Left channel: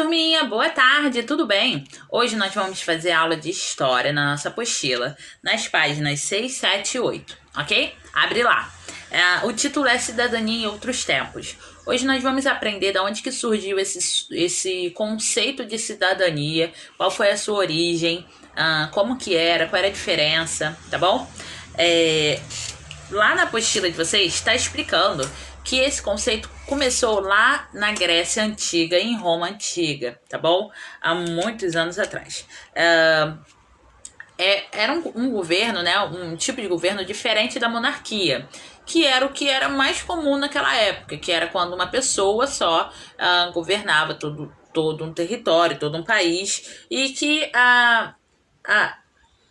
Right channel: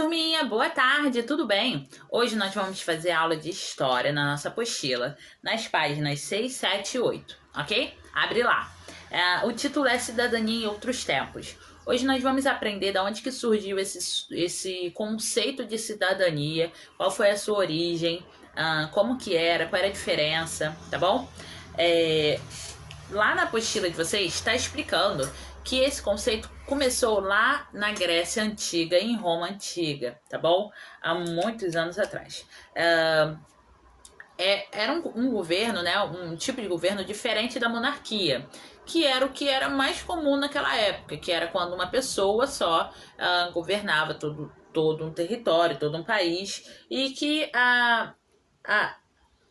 Turminha, boa tarde, tudo bem? Hoje nós vamos fazer aula de história na nossa apostila, nas páginas 6, 7 e 8, ok? Abre lá. O título é Cidadania em Outros Tempos. Hoje nós vamos aprender de onde que surgiu esse conceito de cidadania, qual foi a sua origem, como que era, qual era a diferença, tá bom? Lá na apostila de vocês está explicando que esse conceito começou lá na Grécia Antiga, em Roma Antiga, tá bom? Há muitos anos atrás. Era um governo, né? Um tipo de governo diferente da monarquia, que era o que era mais comum naquela época, que era quando uma pessoa só governava todo um território, todo um país, e que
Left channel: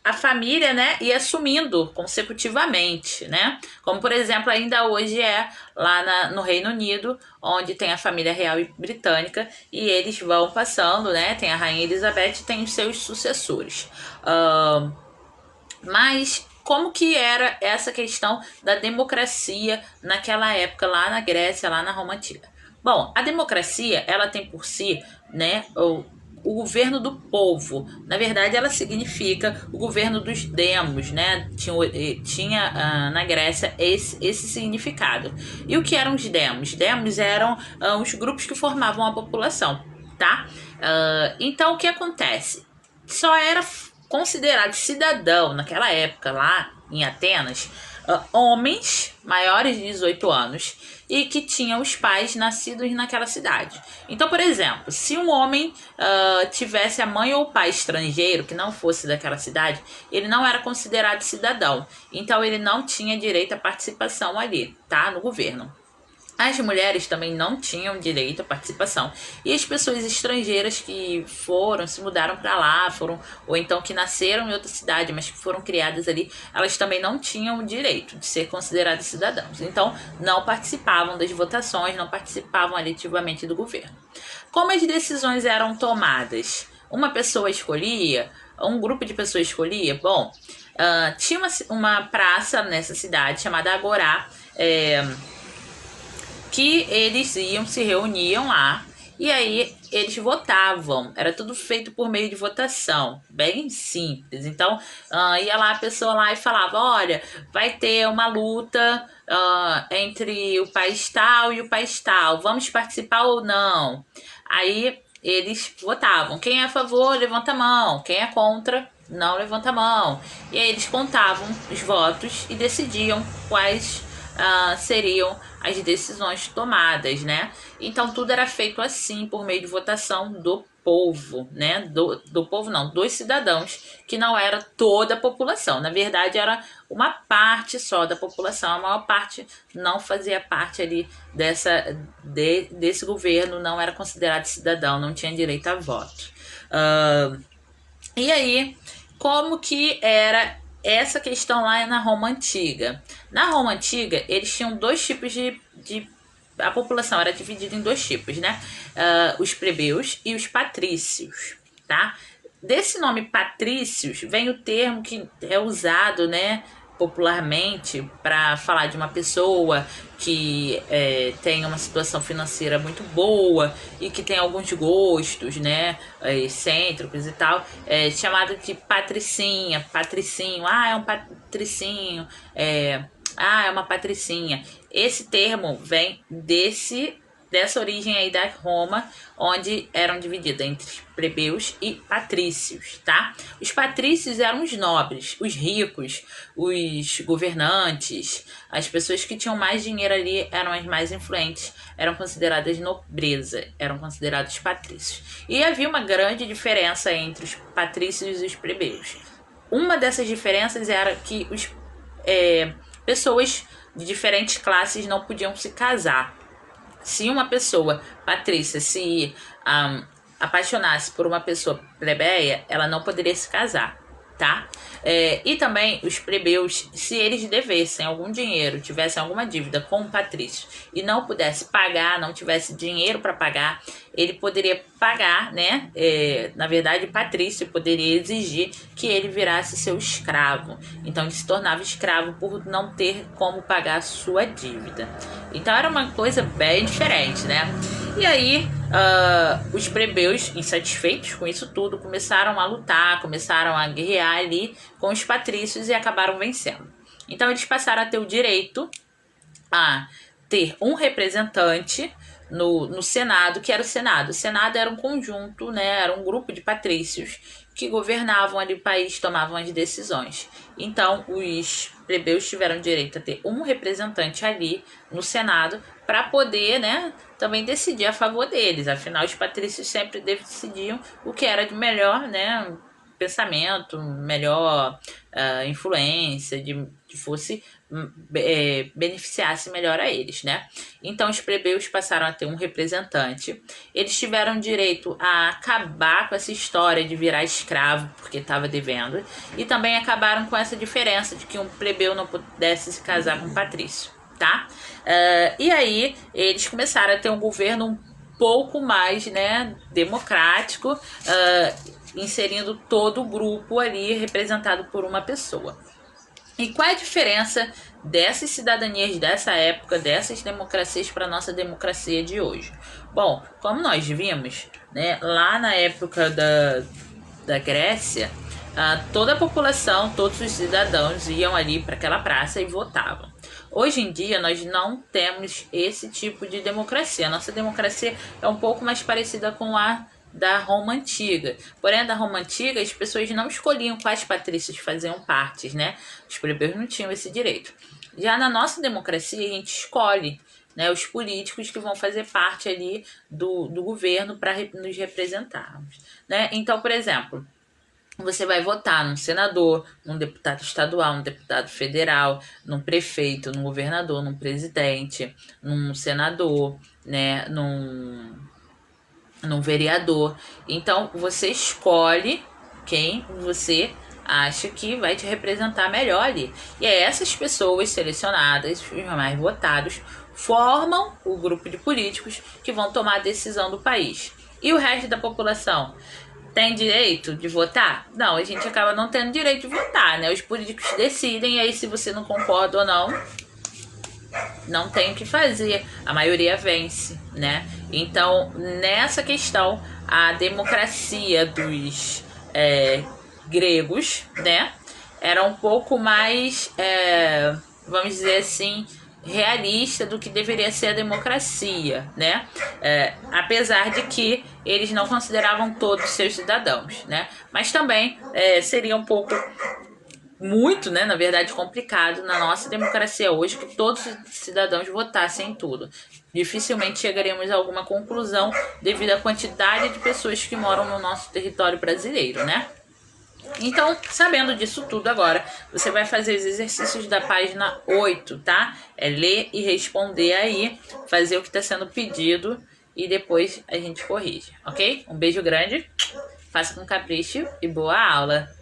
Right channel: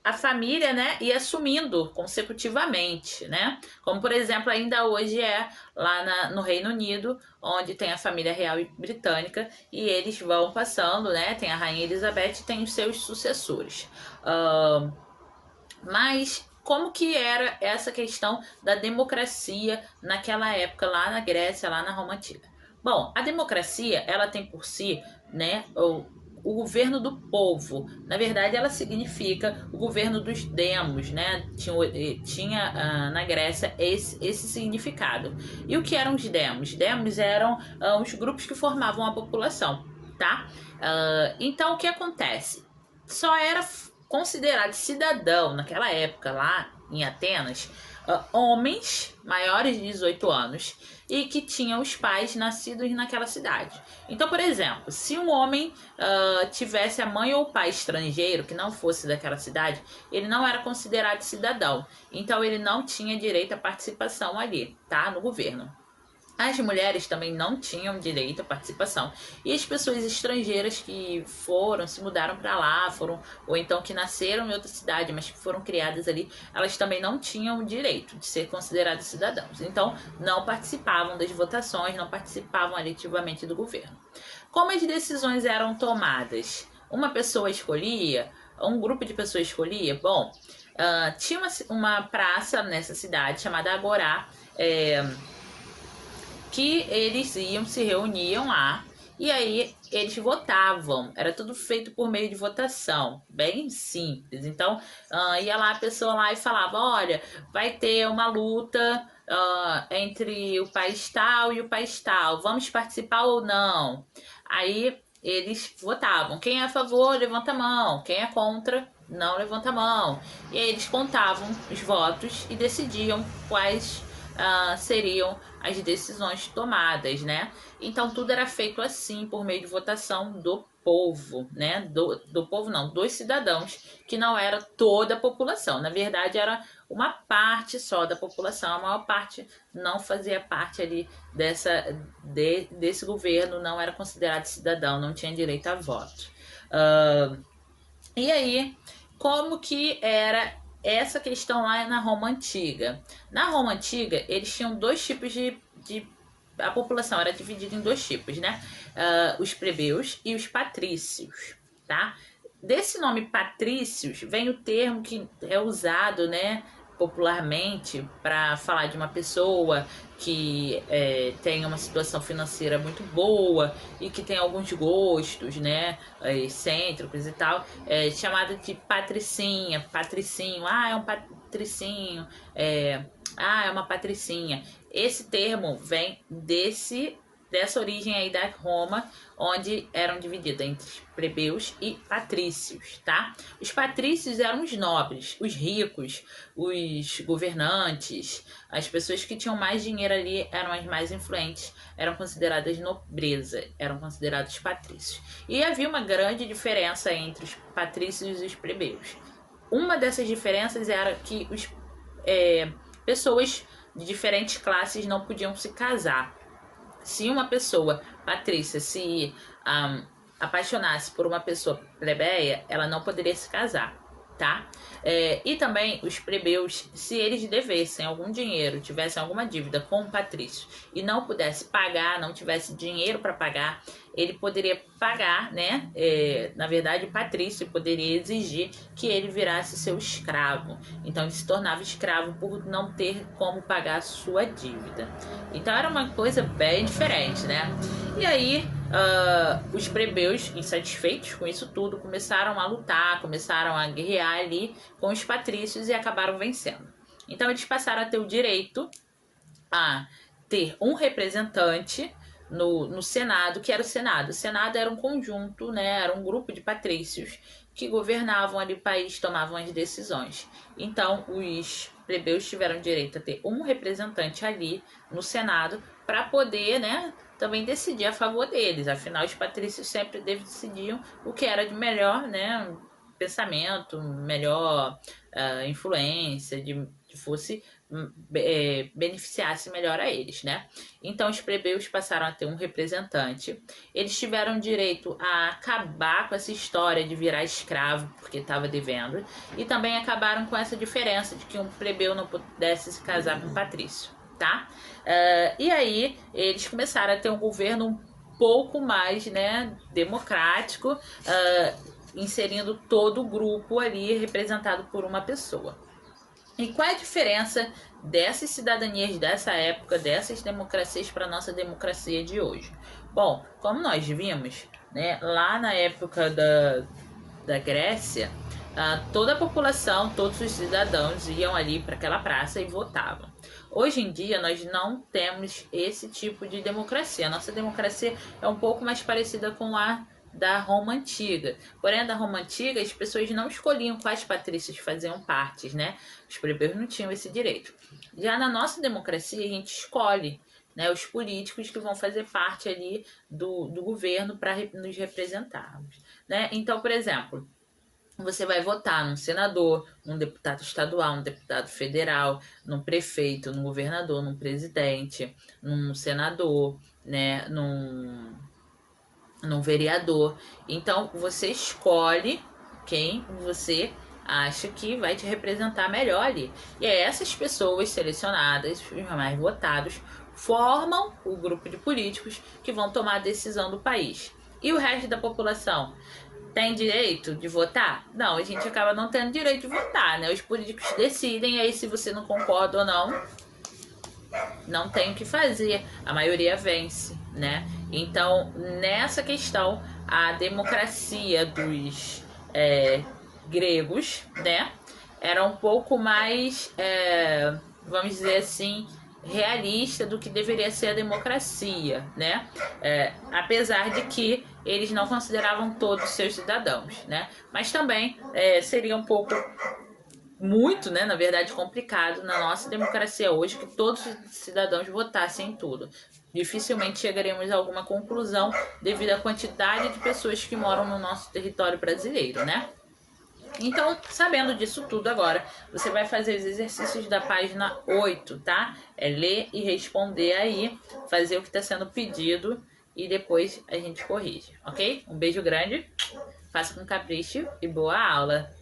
a família, né, ia assumindo consecutivamente, né? Como, por exemplo, ainda hoje é lá no Reino Unido, onde tem a família real e britânica, e eles vão passando, né? Tem a Rainha Elizabeth e tem os seus sucessores. Mas como que era essa questão da democracia naquela época, lá na Grécia, lá na Roma Antiga? Bom, a democracia, ela tem por si, né, o governo do povo. Na verdade, ela significa o governo dos demos, né? Tinha na Grécia esse significado. E o que eram os demos? Demos eram os grupos que formavam a população, tá? Então, o que acontece? Só era considerado cidadão naquela época, lá em Atenas, homens maiores de 18 anos e que tinham os pais nascidos naquela cidade. Então, por exemplo, se um homem tivesse a mãe ou o pai estrangeiro que não fosse daquela cidade, ele não era considerado cidadão. Então, ele não tinha direito à participação ali, tá? No governo. As mulheres também não tinham direito à participação. E as pessoas estrangeiras que se mudaram para lá, ou então que nasceram em outra cidade, mas que foram criadas ali, elas também não tinham o direito de ser consideradas cidadãos. Então, não participavam das votações, não participavam ativamente do governo. Como as decisões eram tomadas? Uma pessoa escolhia, um grupo de pessoas escolhia? Bom, tinha uma praça nessa cidade chamada Agorá, que eles se reuniam lá e aí eles votavam. Era tudo feito por meio de votação, bem simples. Então, ia lá a pessoa lá e falava, olha, vai ter uma luta entre o país tal e o país tal, vamos participar ou não? Aí eles votavam. Quem é a favor, levanta a mão. Quem é contra, não levanta a mão. E aí eles contavam os votos e decidiam quais seriam as decisões tomadas, né? Então tudo era feito assim, por meio de votação do povo, né? Do povo não, dos cidadãos, que não era toda a população. Na verdade, era uma parte só da população. A maior parte não fazia parte ali desse governo, não era considerado cidadão, não tinha direito a voto. E aí, como que era essa questão lá na Roma Antiga? Na Roma Antiga, eles tinham dois tipos a população era dividida em dois tipos, né? Os plebeus e os patrícios, tá? Desse nome patrícios vem o termo que é usado, né, popularmente para falar de uma pessoa que tem uma situação financeira muito boa e que tem alguns gostos, né, excêntricos e tal, chamado de patricinha, patricinho, é um patricinho, é uma patricinha. Esse termo vem dessa origem aí da Roma, onde eram divididas entre plebeus e patrícios, tá? Os patrícios eram os nobres, os ricos, os governantes, as pessoas que tinham mais dinheiro ali eram as mais influentes, eram consideradas nobreza, eram considerados patrícios. E havia uma grande diferença entre os patrícios e os plebeus. Uma dessas diferenças era que pessoas de diferentes classes não podiam se casar. Se uma pessoa patrícia se apaixonasse por uma pessoa plebeia, ela não poderia se casar, tá? E também os plebeus, se eles devessem algum dinheiro, tivessem alguma dívida com o patrício e não pudesse pagar, não tivesse dinheiro para pagar, ele poderia pagar, né? Na verdade, o patrício poderia exigir que ele virasse seu escravo. Então, ele se tornava escravo por não ter como pagar a sua dívida. Então, era uma coisa bem diferente, né? E aí, os plebeus, insatisfeitos com isso tudo, começaram a lutar, começaram a guerrear ali com os patrícios e acabaram vencendo. Então eles passaram a ter o direito a ter um representante no Senado, que era o Senado. O Senado era um conjunto, né, era um grupo de patrícios que governavam ali o país, tomavam as decisões. Então, os plebeus tiveram direito a ter um representante ali no Senado para poder, né, também decidir a favor deles. Afinal, os patrícios sempre decidiam o que era de melhor, né, pensamento, melhor influência, de que fosse beneficiasse melhor a eles, né? Então os plebeus passaram a ter um representante. Eles tiveram direito a acabar com essa história de virar escravo porque estava devendo, e também acabaram com essa diferença de que um plebeu não pudesse se casar com um patrício, tá? E aí eles começaram a ter um governo um pouco mais, né, democrático, inserindo todo o grupo ali representado por uma pessoa. E qual é a diferença dessas cidadanias dessa época, dessas democracias para a nossa democracia de hoje? Bom, como nós vimos, né, lá na época da Grécia, toda a população, todos os cidadãos iam ali para aquela praça e votavam. Hoje em dia nós não temos esse tipo de democracia. A nossa democracia é um pouco mais parecida com a da Roma Antiga. Porém, da Roma Antiga, as pessoas não escolhiam quais patrícios faziam parte, né? Os plebeus não tinham esse direito. Já na nossa democracia, a gente escolhe, né, os políticos que vão fazer parte ali do governo para nos representarmos, né? Então, por exemplo, você vai votar num senador, num deputado estadual, num deputado federal, num prefeito, num governador, num presidente, num senador, né, num vereador. Então você escolhe quem você acha que vai te representar melhor ali. E é essas pessoas selecionadas, os mais votados, formam o grupo de políticos que vão tomar a decisão do país. E o resto da população tem direito de votar? Não, a gente acaba não tendo direito de votar, né? Os políticos decidem, e aí se você não concorda ou não tem o que fazer. A maioria vence, né? Então, nessa questão, a democracia dos gregos, né, era um pouco mais, vamos dizer assim, realista do que deveria ser a democracia, né? Apesar de que eles não consideravam todos seus cidadãos, né? Mas também seria um pouco muito, né, na verdade, complicado na nossa democracia hoje que todos os cidadãos votassem em tudo. Dificilmente chegaremos a alguma conclusão devido à quantidade de pessoas que moram no nosso território brasileiro, né? Então, sabendo disso tudo agora, você vai fazer os exercícios da página 8, tá? É ler e responder aí, fazer o que está sendo pedido e depois a gente corrige, ok? Um beijo grande, faça com capricho e boa aula!